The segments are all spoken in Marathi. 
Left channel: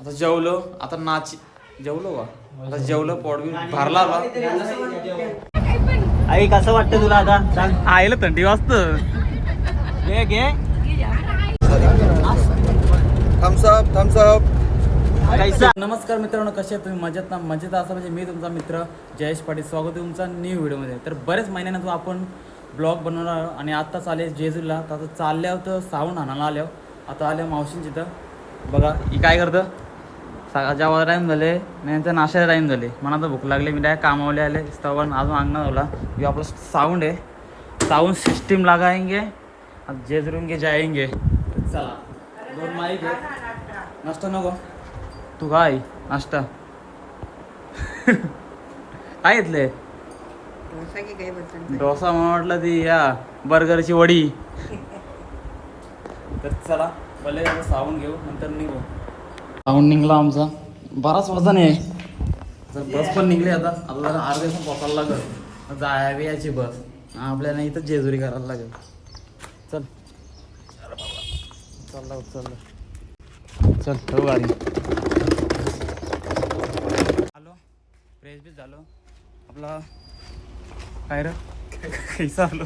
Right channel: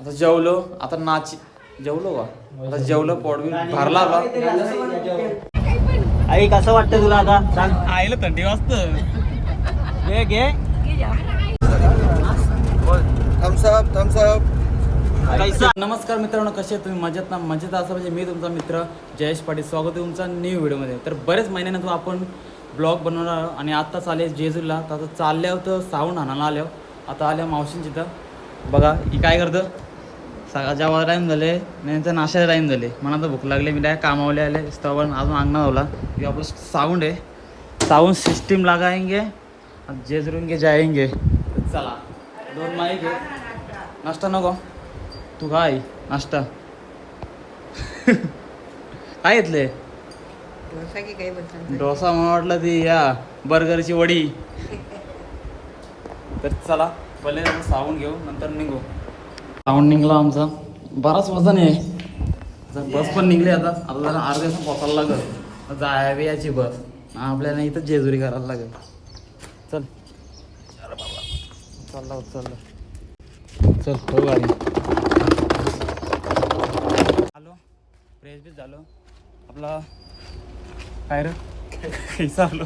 आता जेवलो आता नाच जेवलो का? आता जेवलो बी भरला आता. आई कसं वाटतं तुला आता? सांग आईला थंडी वाजत. घे घे. थम्सअप थम्सअप नमस्कार मित्रांनो कसे तुम्ही? मजेत ना? मजेत असं म्हणजे मी तुमचा मित्र जयेश पाटील. स्वागत आहे तुमचा न्यू व्हिडिओमध्ये तर बरेच महिन्यानंतर आपण ब्लॉग बनवणार आहोत आणि आत्ता चाले जेजूला. तर आता चालल्यावर तर सावून आणायला आल्यावर हो. आता आल्या हो मावशींची इथं बघा ही काय करतं? सकाळच्या आवाज टाईम झाले तर नाश्याचा टाईम झाले. मला तर भूक लागली मी डायरेक्ट कामावले आले. स्तवन अजून अंगणात होला की आपलं साऊंड आहे. साऊंड सिस्टीम लागायंगे जेजरून जेजरूंगे जायंगे. तर चला दोन माईक आहे नाश्ता नको. तू काय? नाश्ता. काय घेतले? डोसा की काही बोलतात डोसा म्हणून वाटलं ती या बर्गरची वडी. तर चला पहिले साबण घेऊ नंतर निघू. साबण निघला आमचा. बराच वजन आहे. जर बस पण निघली आता. आपल्याला अर्ध्या तास पोचायला लागल. जायावी याची बस. आपल्याला इथं जेजुरी करायला लागेल. चल. चालला चालला चल ठेवू गाडी. आलो फ्रेश बीच झालो. आपला काय रे? कैसा आलो.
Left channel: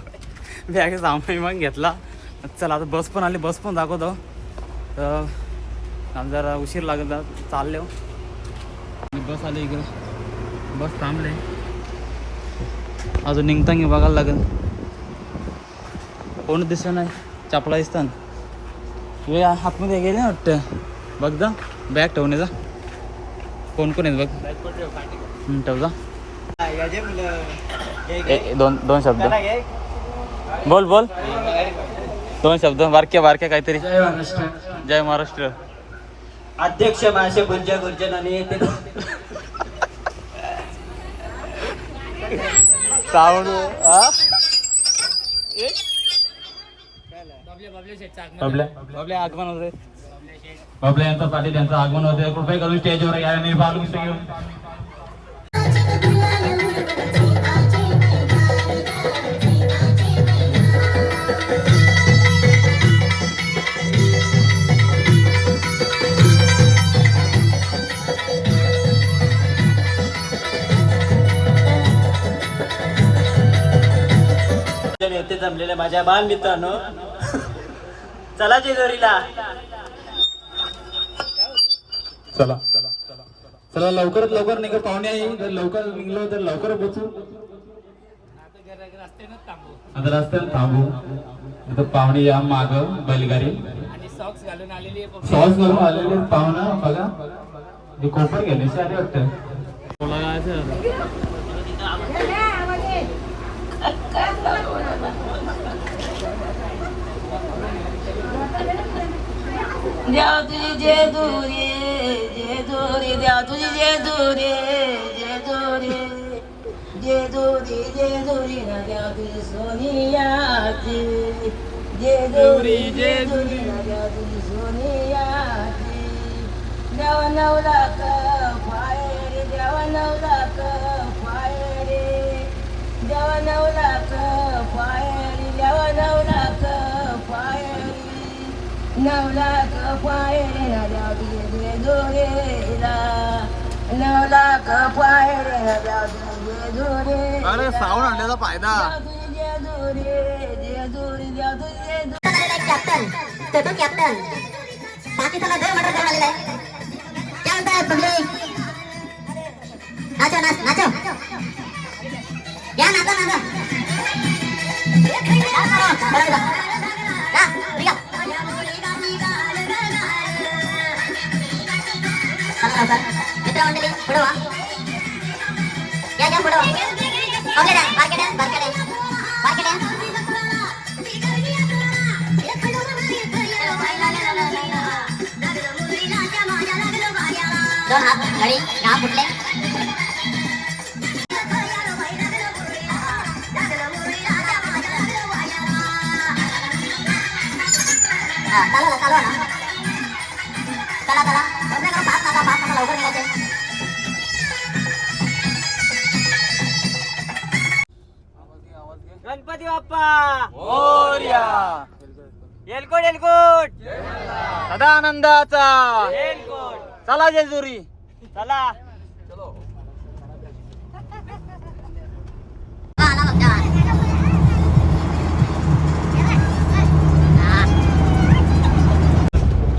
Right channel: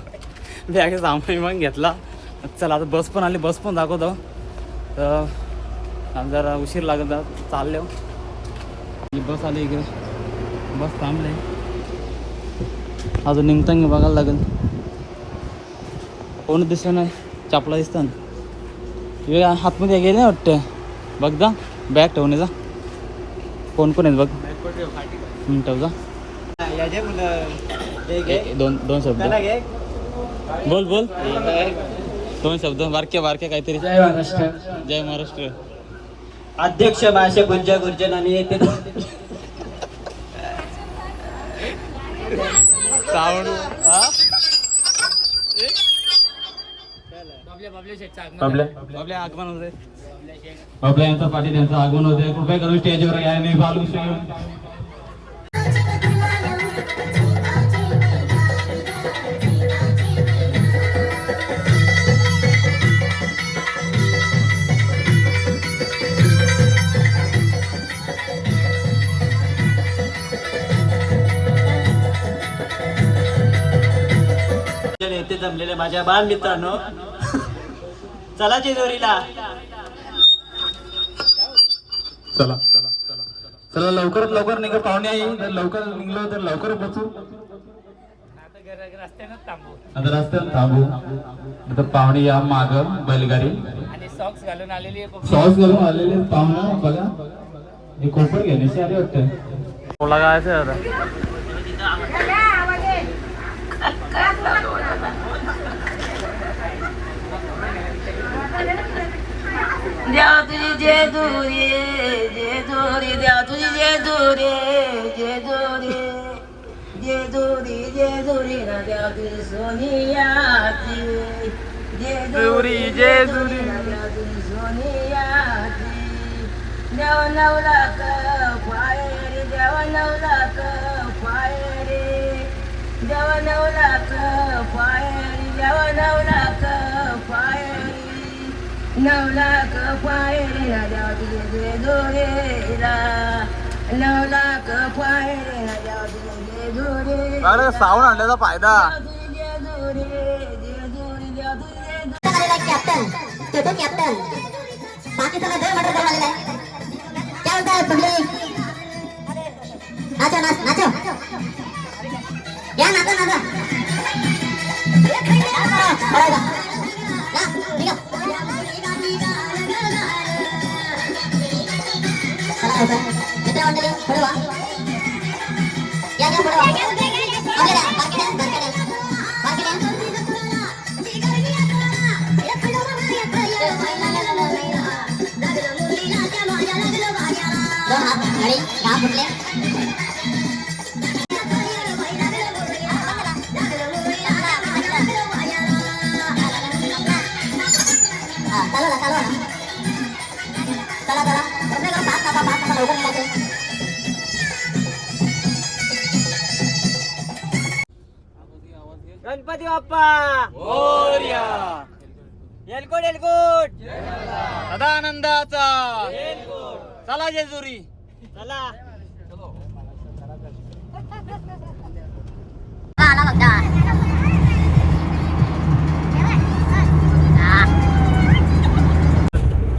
बॅग सामान मग घेतला. चला आता बस पण आली. बस पण दाखवतो. तर जरा उशीर लागत चालले. ही बस आली इकडे. बस थांबले. अजून निघताना बघायला लागेल. कोण दिसलं नाही. चापला दिसतात वेळ हातमध्ये गेले वाटतं. बघ जा. बॅग ठेवणे जा. कोण कोण आहेत बघ? ठेव जा. ए- दोन दोन शब्द. बोल बोल. दोन शब्द. बारके बारके काहीतरी. जय महाराष्ट्र. जय महाराष्ट्र. अध्यक्ष मासे गुंजा गुर्जन आणि येते. आपल्या आगमन होते बाबल्या यांचा पाटील यांचं आगमन होते कृपया करून स्टेजवर या. आणि बालगुस्ती घेऊन जमलेले माझ्या बाल मित्रांनो. चला जेजुरीला चला. चला लवकरात लवकर निघा पाहुणे जर लवकर निघलो तर लवकर बसू. आता रस्त्यात थांबू. आता पाहुणे या माग बैलगाडी. सॉक्स घालून आलेले पाहुणा बघा. हे कोपर घेण्याची आली वाटतं बोला काय असेल द्या तुझी जे दुरे जे दुरे द्या तुझी जे दुरे जे दुरे जे दुरे जे दुरे ना द्या तुझी सोनिया जे दुरी जे दुरी ना द्या तुझी सोनिया देवा नवला क फायरे देवा नवला क फायरे देवा नवला क देवा नवला नवला तुझे तुझे दोरेला नवला कपायरे राजा तुझे दोरे अरे साऊंड आणण्याचा फायदा कॅप्टन तो तो कॅप्टन बाकी सगळं दर मटर झालेला आहे काय म्हणताय पब्लिक नाचो. नाच नाचो या नाचा नाचा दहा फुटले हा, चालवा ना चालवा ना. चला चला. पाच नका पाच नका लवकर निघायचे गणपती बाप्पा! एलकोट एलकोट सदा आनंदाचा चला जेजुरी! चला. आला बघा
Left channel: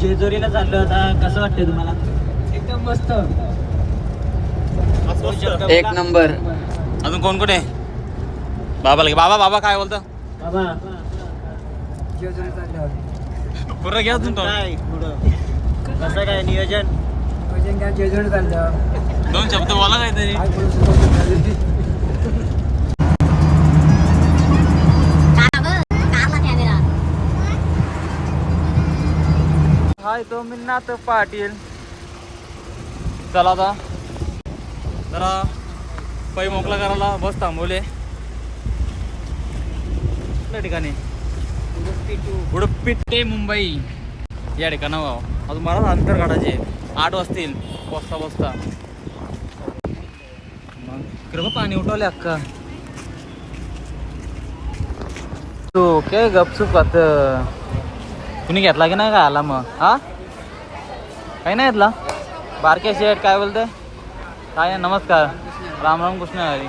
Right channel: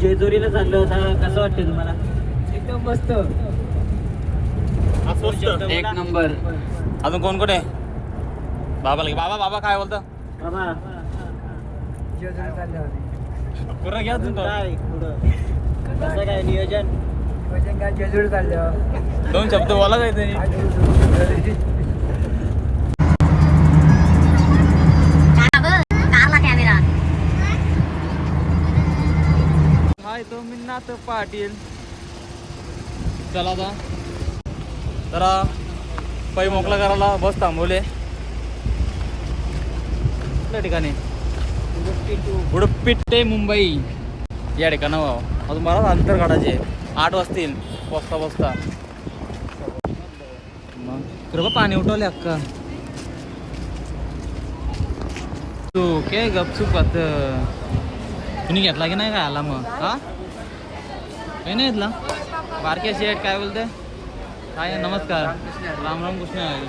जेजुरीला चाललो आता. कसं वाटतंय तुम्हाला? एकदम मस्त. एक नंबर. अजून कोण कोण आहे बाबाला. बाबा बाबा काय बोलतो? बाबा. जेजुरी चालल्यावर. पूर्ण घ्या तुम्ही काय पुढं? कसं काय नियोजन? दोन शब्द बोला काहीतरी हाय तो मिन्नाथ पाटील. चला आता. जरा पै मोकळा करायला बस थांबवले. कुठल्या ठिकाणी? उडुपी ते मुंबई. या ठिकाणावर. अजून मला अंतर काढायचे. आठ वाजतील. बसता बसता. मग इकडं पाणी उठवले अक्का. तू काय गपचूप खात तुम्ही घेतला की नाही काय आला मग? हा? काही नाही घेतला? बारके शेठ काय बोलते काय नाही, नमस्कार. राम राम कृष्ण हरी.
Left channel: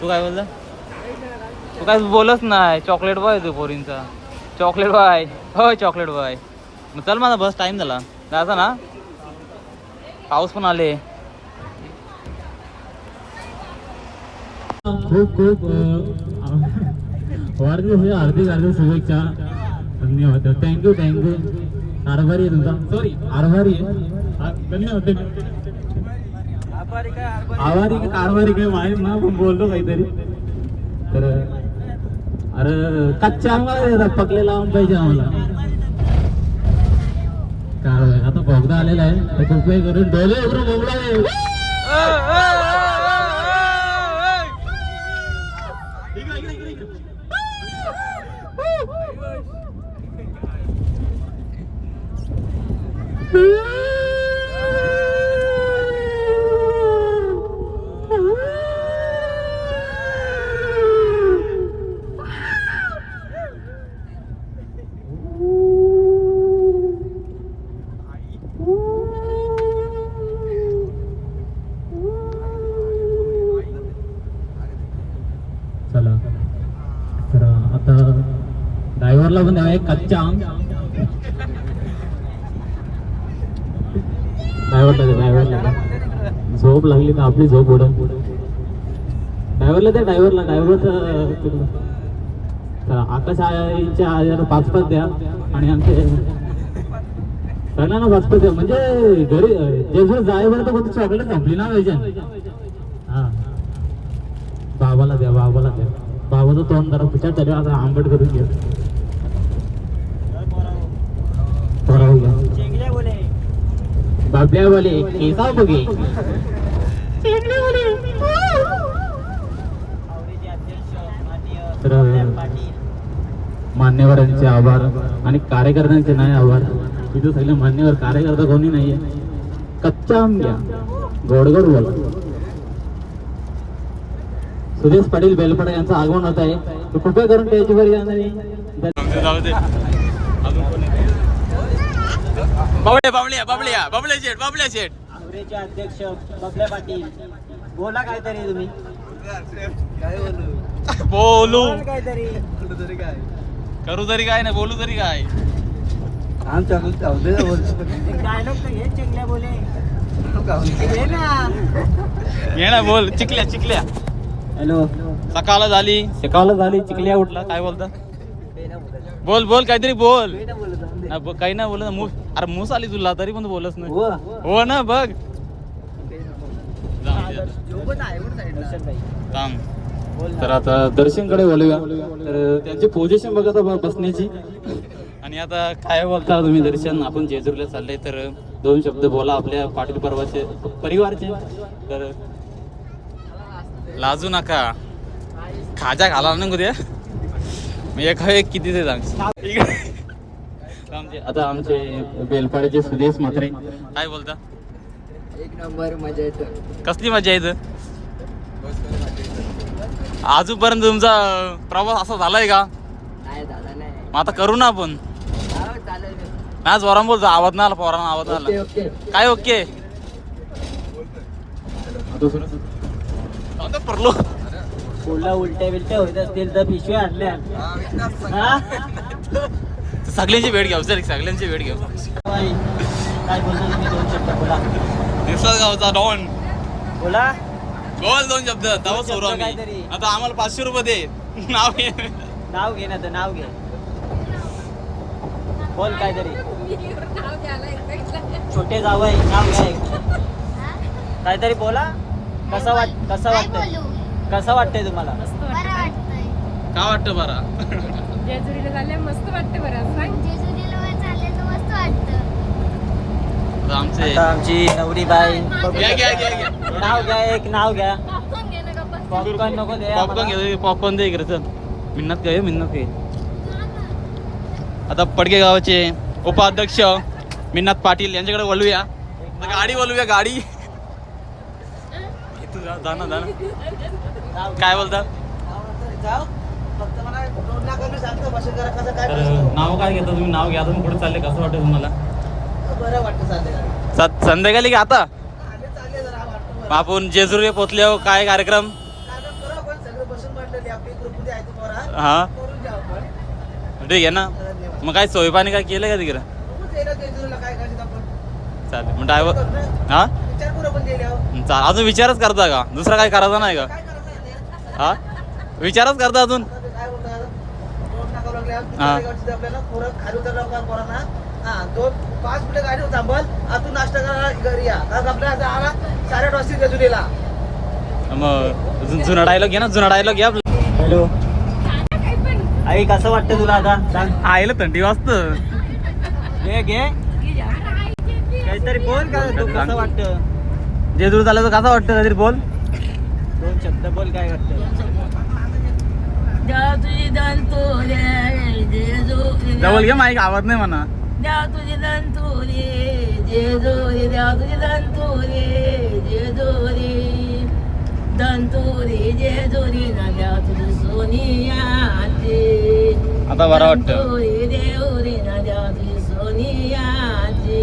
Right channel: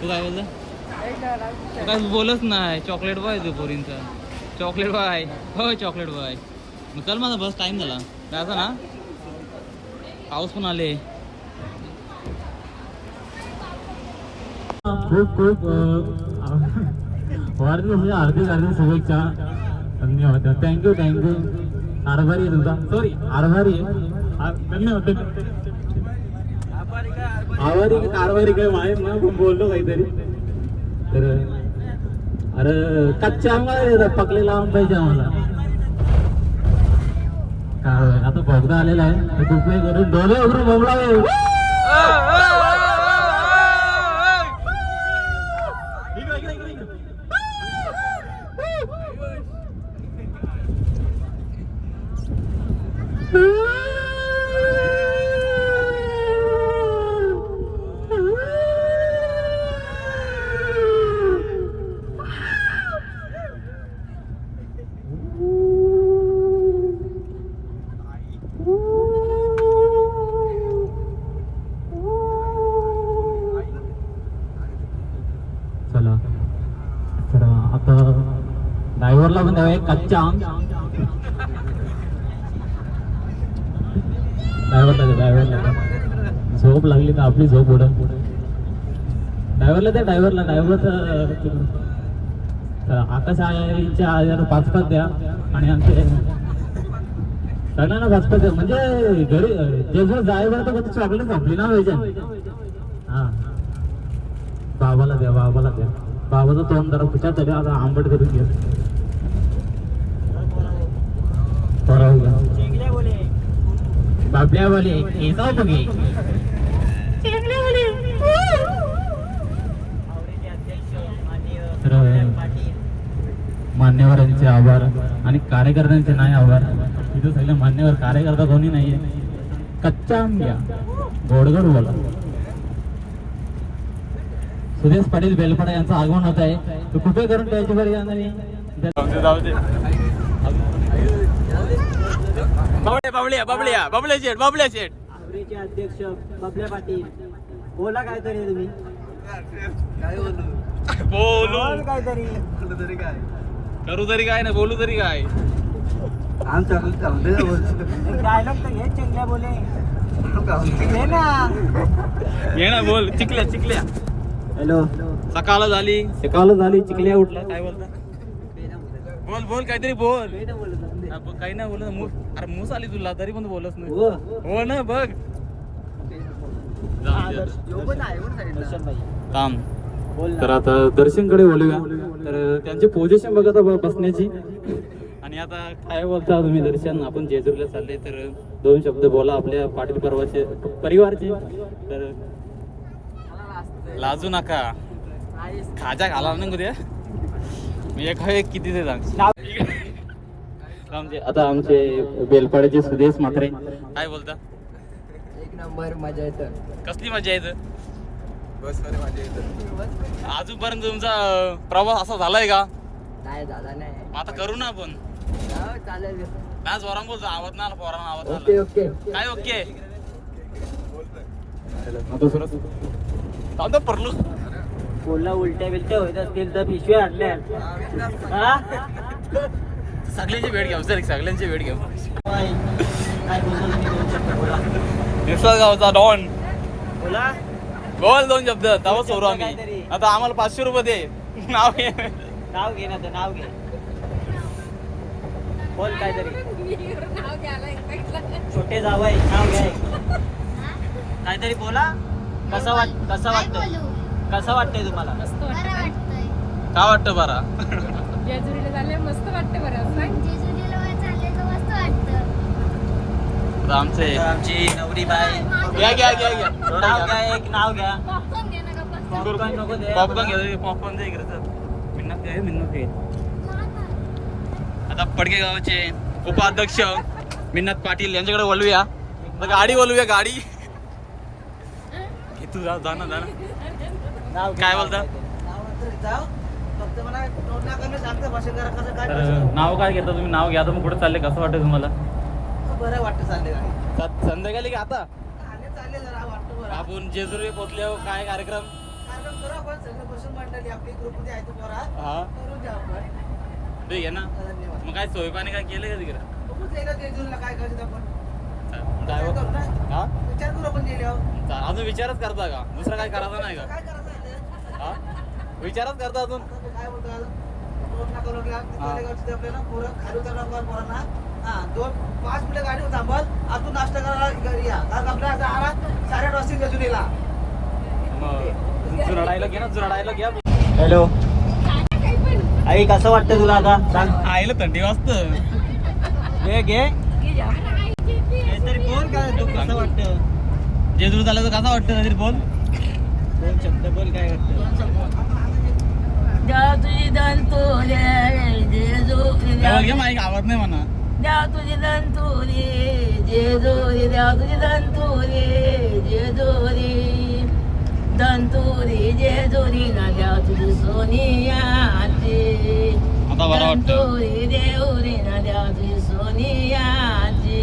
तू काय बोलत तू काय बोलत नाही. चॉकलेट बॉय तू पोरींचा. Chocolate boy. हो चॉकलेट बॉय. मग चल माझा बस टाईम झाला. जायचं ना. पाऊस पण आले. खूप खूप वाढदिवसाच्या म्हणजे हार्दिक हार्दिक शुभेच्छा. धन्यवाद. थँक्यू थँक्यू आभारी आहे तुमचा सॉरी आभारी आहे. आभारी का कारभारी काय माहीत ना पण बोललो काहीतरी. तर अरे कच्चा आम्हाला पकलेला आंबा पाहिजे आम्हाला. आता भोगदा आलेला आहे. तर कृपया करून डोळे उघडून बोंबला आहे तर आता ड्रायव्हरला पण द्यावा एक कच्चा ड्रायव्हरला ड्रायव्हरला झोप लागली तर आपली झोप उडन. ड्रायव्हरला द्या ड्रायव्हरला ड्रायव्हर आकाश आईच्या आईला पाच पाच द्या आणि आमचे सगळ्यांना पाच पाच द्या. म्हणजे घरी जेव्हा ड्रायव्हर तर कोणती चॉकलेट संपली ना वेजन हा. बाबाला द्या बाबाला द्या. बाबाचं तोंड जरा पुचार तरी आता आंबट करून घ्या. बाबल्या बोले केसा बघे. तर मान्यवरांचे आभार आणि कार्यकर्त्यांचे नाही आभार. तिथे सगळे मान्यवर कार्यकर्ता कोणी नाहीये. कच्चा आंब्या घ्या गोड गोड बोला. सुरेश पाटील बेलपाडा यांचं आगमन होत आहे. तर कृपया करून त्याची बरी जाऊ दे बाबड्या बाबड्या बाबड्या बाबड्या शेठ बाबड्या शेठ. आवडीचे अध्यक्ष बबल्या पाटील. बोला काहीतरी तुम्ही. काय बोलू. बोलू बोल काहीतरी. बोलू तरी काय? करू तरी काय नाही बोलू तरी काय? आमच्या ना डायलॉग तर घे चेंगल्या बोले. ना. ये ना बोल. चिकल्या चिकल्या हॅलो. सकाळ झाली. सकाळ झाली चिकल्या उठला. काय बोलता? बोल बोल काहीतरी बोल. हा, काही नाही बोलत मूस अरे मूस आली तुला तरी पण बोलत नाही. हो. ना बघ. थांब. तर आता दर्शनकडे बोलूया तर त्यांची पोझिशन बघा आता ब- बसण्याची. आणि आता काय बोलता? तुम्ही दर्शन आपण जेजुरीला चालले तर दोन शब्द बोला आपल्या पाटील पर्वाचे परिवारचे. तर लाजू नका. खाजा घाला नको ते मी एक किती ते सांग. आता आमचे बेलपाड्याचे सुदेश म्हात्रे. काय बोलता? एक नंबर मजा येतं. कसली मजा येतं? आजूपर्यंत तुमचा प्रवास असा झालाय का? नाही झाला नाही. मग आता करू ना आपण. हा, चालेल ना जोरान बोलतो आवाज नाही आला पोरांना आवाज आला. ओके काय ओके? आता परलो. उलट्या बिलट्या होत असतील तर पिशव्या आणल्या. हा? सगळ्यांची भेट घ्या सर सगळ्यांची भेट घ्या निसर्ग गावचा डॉन. बोला. दोन शब्द तेव्हा सोडू आम्ही. आता आम्हाला पाचशे रुपये दे. नाव घे. नाव घे ना तर नाव घे. बोल काहीतरी. छोटे जाऊ आहे नाव घे. काहीतरी बोला. कसं वाट कसं बोलू? कसं वाटतंय तुम्हाला? काय वाटतं बरा? जेजुरीला झाले मस्त वाटते बरं सांग जेजुरीला वर चालले तर मस्त वाटतं. आमचे आता आमची नवरी बाई घ्या घ्या घ्या घ्या. नाव घ्या एक नाव घ्या. पॉपकॉर्न घे ना गप्पा पॉपकॉर्न नको दे पॉपकॉर्न घे पॉपकॉर्न दे इकडे चल. मिन्नत घे मिन्नत घे. आता पडके गावाचे उपाध्यक्ष मिन्नत पाटील यांच्याकडे वळूया. आता गाडी वळूया गाडी. हे. तू जा जा ना जा ना. काय बोलता? जाऊ फक्त मला तर नाव काय घेता तुम्ही? नाव घ्या तुम्ही कुठे चालले कसं वाटतं तुम्हाला? बरं वाटतं चालले संध्याकाळी का आता? आपण जेजुरी पोचल्यावर काय कार्यक्रम? हा? घ्या ठीक आहे ना? मग काय सोय पाणी काय केलं का तिकडं? चालेल मग ड्रायव्हर. हा? चाल अजून विचारच करता का? दुसरा काय करायचा नाही का? हा? विचारच करता अजून आता ते काय बोलतात दोन नाका लागल्या हा. गावची आपल्याला पोरं खाली उतरला का पोरांना हा दोन पाच मिनिटं गाडी थांबल नाश्ता करायला घरी या. कारण आपल्याला आता आला साडेआठ वाजता मग जुना डायलॉग घे ना जुना डायलॉग घे आपला. हॅलो आई कसं वाटतं तुला आता? सांग. आईला थंडी वाजत. घे घे. काहीतरी बोल काय तू कसं वाटतं? जेजूर झालं तर कसं वाटतं? काहीतरी बोल. दोन शब्द बोल काय वाटतं द्या तुझी दंतुरे जेजुरी जवळ घे माईक आवाज नाही म्हणा. द्या तुझी दंतुरी जेजुरी द्या तुझी दंतुरी जेजुरी दंतुरी जेजुरी ना द्या तुझी सोनियाची आता बरं वाटतं. दंतुरी देवरी ना द्या तुझी सोनियाची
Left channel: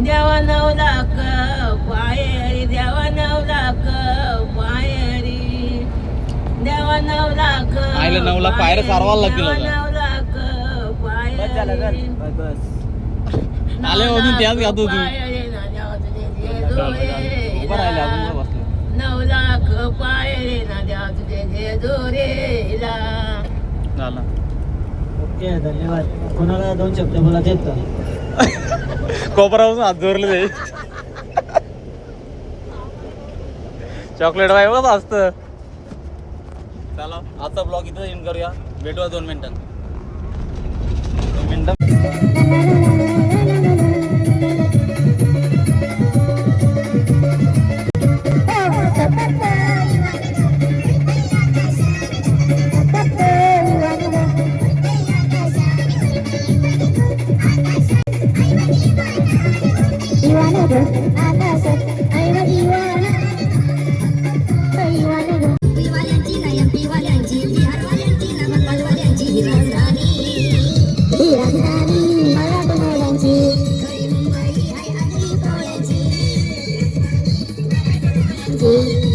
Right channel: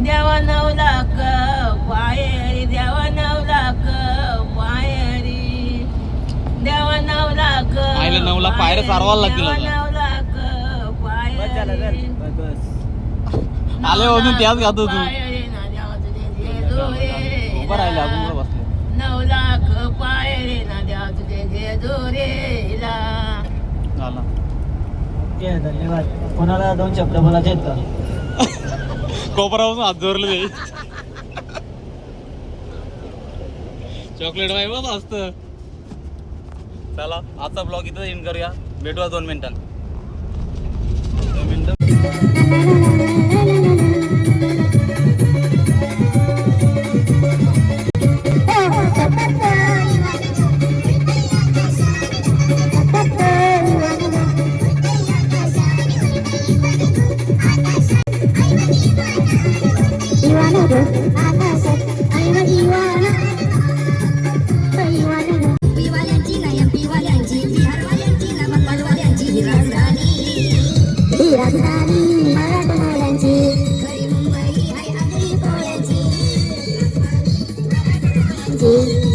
देवा नऊ पाये बसलो नऊ लाख पायरे ना द्या तुझे जेजुरीला झालं ओके धन्यवाद. कोणाला दोन शब्द कोपरावरून हात जोरले ते. चॉकलेट बाय बघ असत. चला आजचा ब्लॉग इथं इन करूया. भेटूया दोन मिनिटांनी दोन मिनिटं. राजधानी मराठमोळ्यांची खरी मुंबई हाय आगरी पोळ्यांची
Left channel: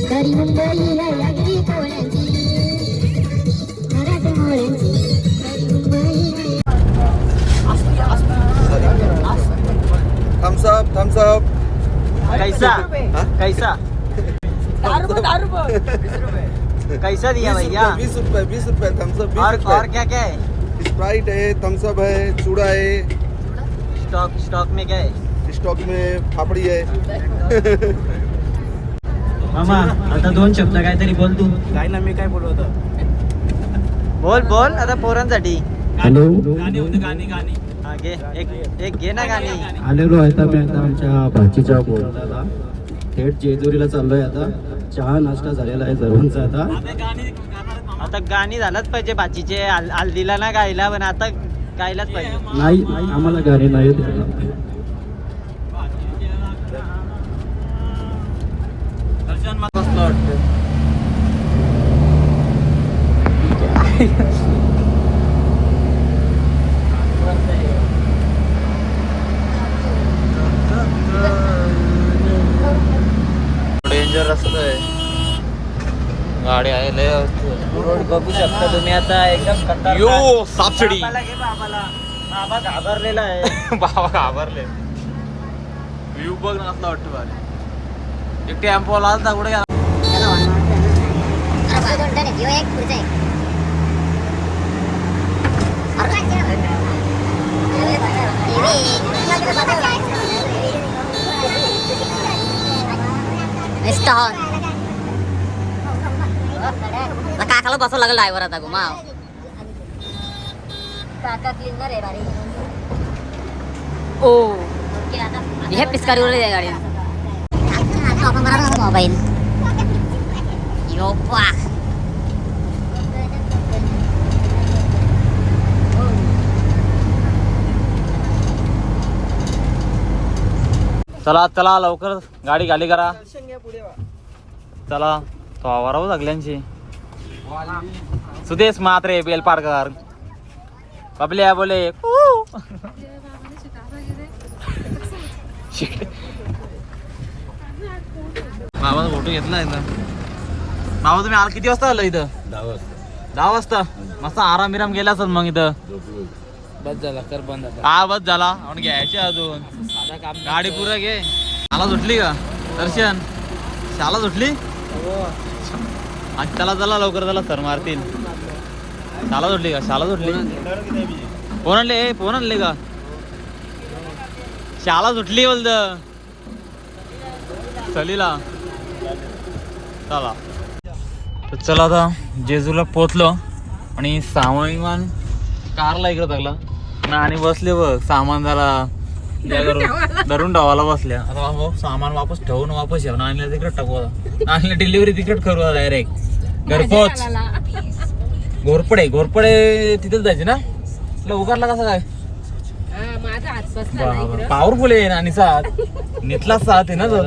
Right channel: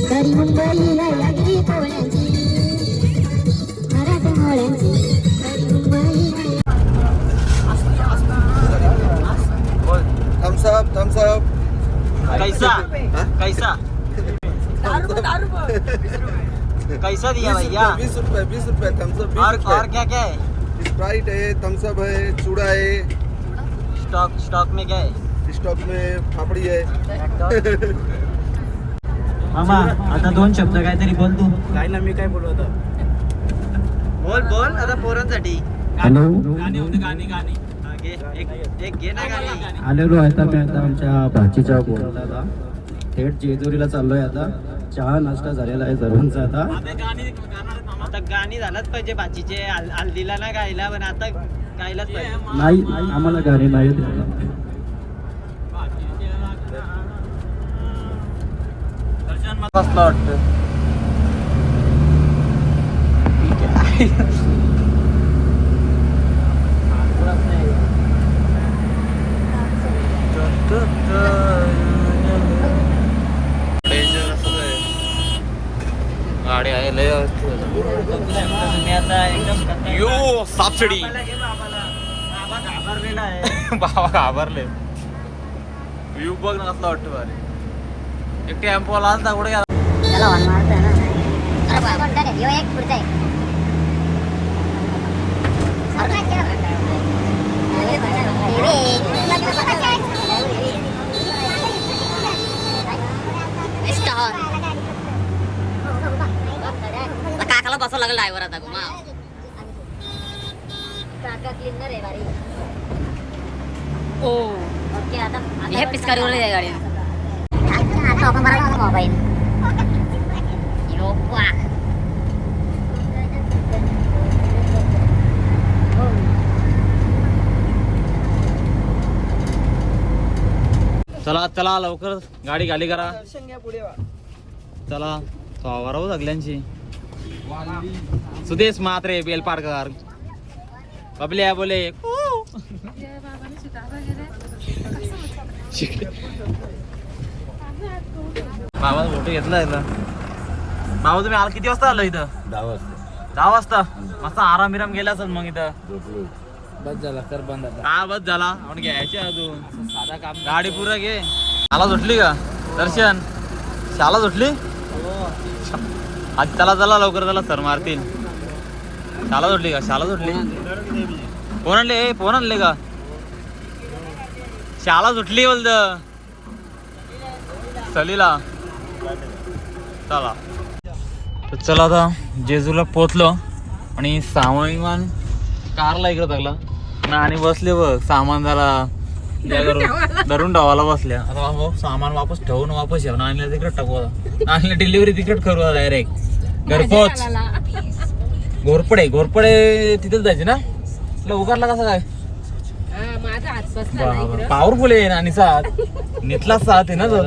खरी मुंबई हाय आगरी पोळ्यांची मराठमोळ्यांची खरी मुंबई हाय थम्स अप थम्स अप कैसा कैसा कैसा दिया भैया बीस रुपए बीस रुपए थम्स अप और क्या क्या है? स्प्राइट है थम्स अप है चूड़ा है। स्टॉक स्टॉक में क्या है? स्टॉक में फाफड़ी है। मामा आता दोन शब्द काहीतरी बोल तू. काय ना मी काय बोलू आता? बोल बोल आता पोरांसाठी. हॅलो? गाणी होते गाणी गाणी. घे एक एक घे ना गाणी. आलेलो आहे आता मी आता आमच्या भाचीच्या बोलायला थेट जेजुरीला चाललोय आता. चहा नाश्ता झालेला आहे सर्वांचा आता. आता गाणी झालंच पाहिजे बाचीचे हल- हल्दीला ना गायला पण आता गायलाच पाहिजे. नाही आम्हाला गाणी नाही वाटतं रस्ता आहे गाडी आहे लय बघू शकता तुम्ही आता एकदम. यो सापसिडी बाबा घाबरलेला आहे. बाबा घाबरले. व्ह्यू बघ ना कसला वाटतं भारी. एक टेम्पो होता कुठे गेला त्याला वाहन मारतोय ना. अरे बाबा कोणता रे? ह्यो एक पुढचा आहे. काकाला बसावं लागेल ड्रायव्हर आता घुमा काका क्लिनर आहे गाडी. ओ. हे आहे गाडी आता आपण बरा मोबाईल. चला चला लवकर गाडी गाडी करा. चला तो आवारावं सगळ्यांची सुदेश मात्रे बेलपाडकर बबल्या बोले बाबा फोटो घेतला इथं बाबा तुम्ही आला किती वाजता आलं इथं दहा वाजता मस्त आराम बिराम गेला असेल मग इथं बस झाला कर बंद हा बस झाला आपण घ्यायचे अजून साधा काम गाडी पुरा घे शाला सुटली का दर्शन शाला सुटली आज चला चला लवकर चला सर मारतील. शाला सुटली का? शाला सुटली फोन आणले फोन आणले का? शाला सुटली बोलत. सलीला. चला. तर चला आता जेजूला पोचलो आणि सामान विमान कारला इकडे लागला ना आणि बसले बघ सामान झाला धरून- धरून बसल्या. आता सामान वापस ठेवून वापस येऊ आणि तिकडे टाकू आता. आणि डिलिव्हरी तिकडे करू डायरेक्ट घरपोच. घोरपडे घोरपडे तिथेच जायचे ना? तुला उगारला कसं काय? माझा हात बसला पॉवरफुल आहे आणि साथ नितला साथ आहे ना तो.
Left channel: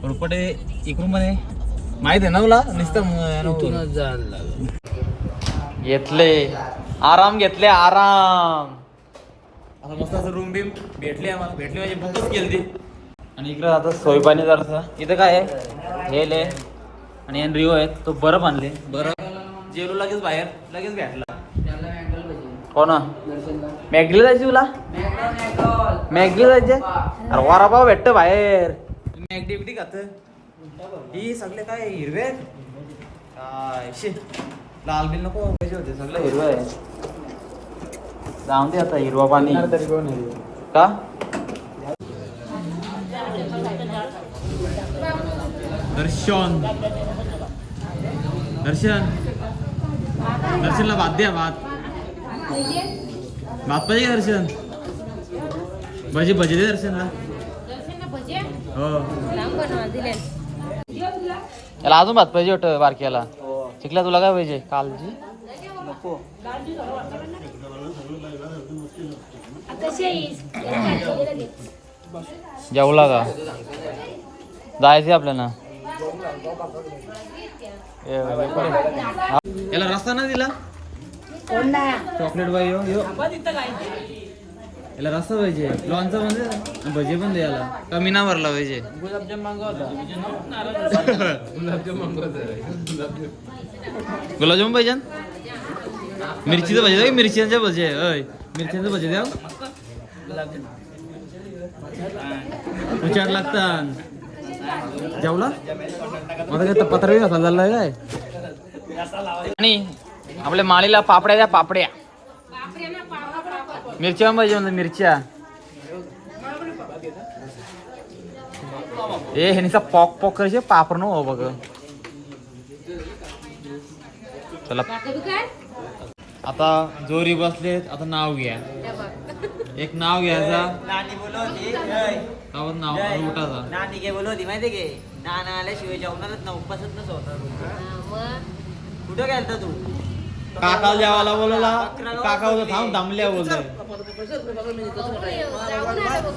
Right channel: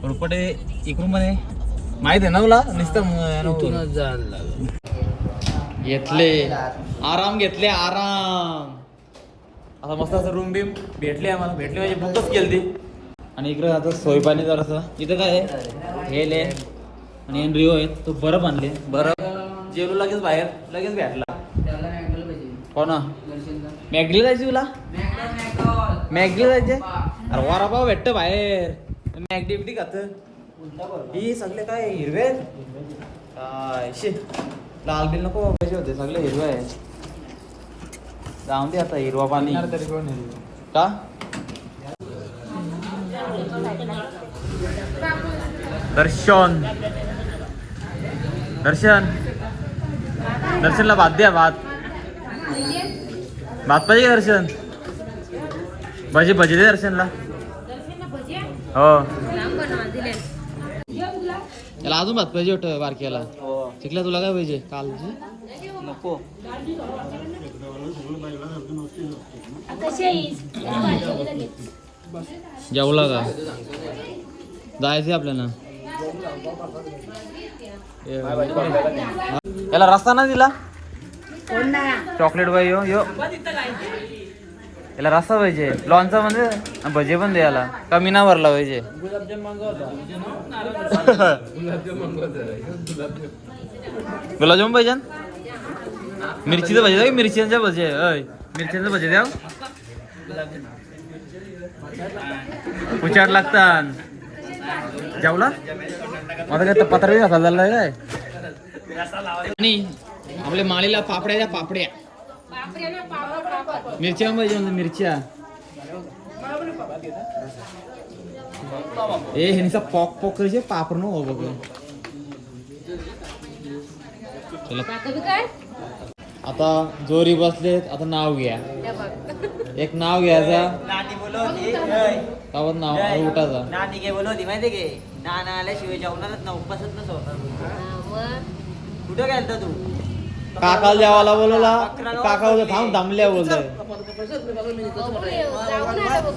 घोरपडे इकडून म्हणे. माहीत आहे ना तुला? नुसतं घेतले. आराम घेतले आराम. आता मस्त असं रूम बिम भेटली आम्हाला. भेटली म्हणजे बुकच केली ती आणि इकडं आता सोयपाणी जरासा. इथं काय आहे? हे ले. आणि एन रिओ आहे तो बरं आणले. बरं जेवलो लगेच बाहेर लगेच भेटला. हो ना मॅगडीला जायची तुला? मॅगडीला जायचे? अरे वारापाव भेटतं बाहेर. मॅगडी बिगडी खात. ही सगळे काय हिरवे? काय शे. लाल बिल नको पाहिजे होते सगळे हिरवे आहे जाऊन दे आता हिरवा पाणी. का? दर्शन. दर्शन। दर्शनला भात द्या भात. भात पाहिजे का दर्शन? भजी भजी दे दर्शनला. हो. याला अजून भात पाहिजे होतं बारक्याला. शिकला तुला काय पाहिजे कालजी नको. जेवला का? जायचंय आपल्याला? याला रस्ता ना दिला? चॉकलेट बाई यो यो. याला रस्ता पाहिजे. लॉनचा म्हणजे? भजे पण दे याला. कमी ना भरला पाहिजे? गुलाबजामुन पाहिजे मिरचीचं भजे द्या मिरच्यांच्या भजे अय मिरच्यांचं भजे द्या. उचाट लागतात. जेवला? माझा काय पत्र घासा झालाय काय? आणि आपल्या माळीला पापड्या द्या पापड्या. मिरच्या पाहिजे म्हणलं मिरच्या. ए हे निसा पॉक पॉक करायचे पापड न हो बघ चला आता जोरी बसलेत आता नाव घ्या. एक नाव घ्यायचा. नानी बोलवती "ऐ, त्यावर नाव जय." उठायचा. नानी काय बोलवती माहिती घे नाना आल्याशिवाय जेवणारच ना उपवासच नसं होणार कुठं गेलता तू? काकाला जेवायला बोलवला. काका होतं थांब दमल्या बोलतोय.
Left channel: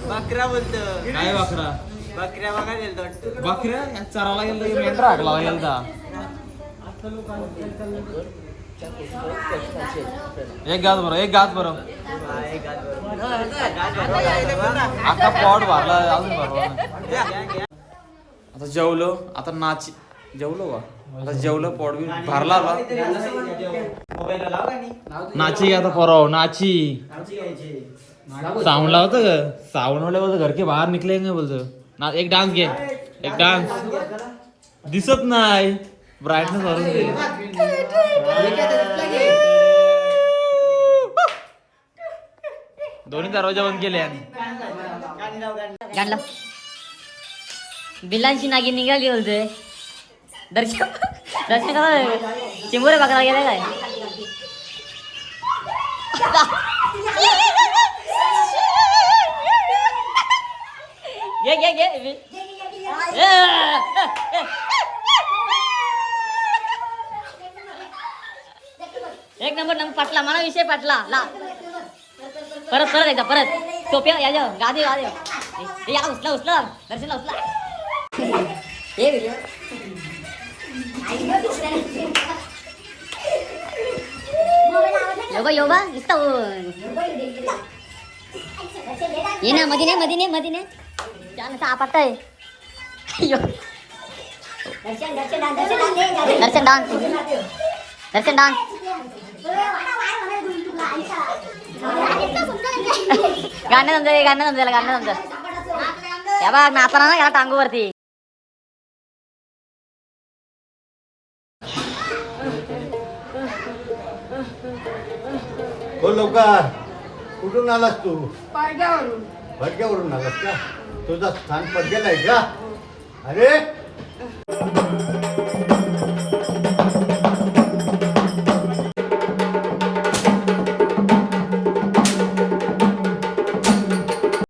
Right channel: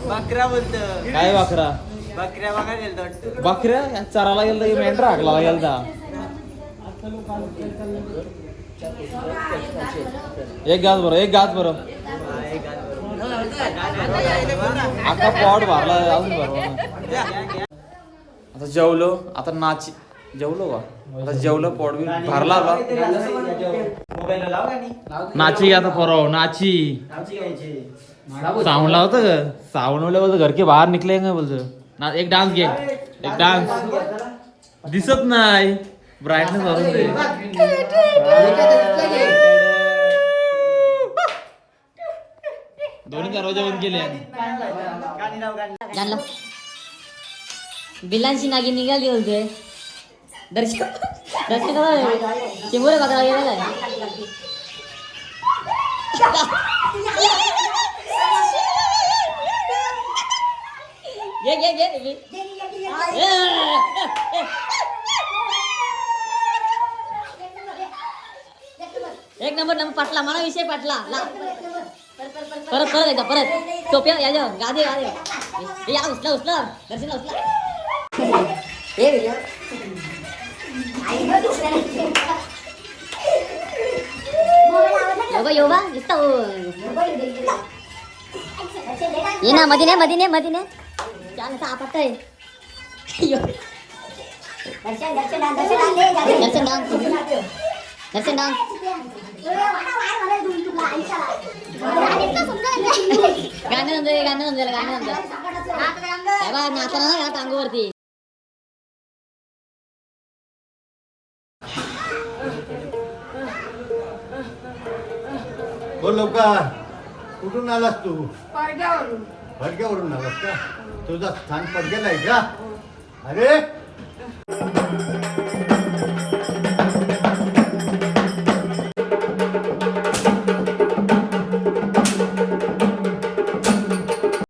बकरा बोलत. काय बकरा? बकऱ्या बघा गेलतो वाटतं. बकऱ्या या चराला गेलं की मेंढरा हाकला गेलता. एक गास बरं एक गास बरं. आता जेवलो आता नाची जेवलो का आता जेवलो पोट बी भरला गाणी नाची आता पोराव नाची. साऊंड लावतं साऊंड वाले बोलतो घर के बाहेर निकले बोलतो? ना एक डान्स घे एक डान्स. दिसत नाही. ब्राईटनेस भरून दे दोन्ही दरवाजा बंद केले गाणलं बिलांची नागी निघाली होते दर्शन दर्शन कसा चिंबोरे बकरा गेला काय? घे घे घे ए, ए, ए. एक नंबर नंबर पाटला मला विषय पाटला. ला. परत परत एकदा परत. सोप्या या जाऊ गादी गादी या उचला उचला. दर्शनला उचला. योगा योगा नुसता ये ना मधी ने मधी ने मधी ने छान असा आपटत आहे दर्शन डान्स दर्शन डान्स गाणं समजा गाणं समजायला गाणं समजा या ना याला टांगूवरती. बोल लवकर. कुठून आलास तू? फडक्यावरून आलास का? तुझा स्थान पडगेला आहे का? अरे!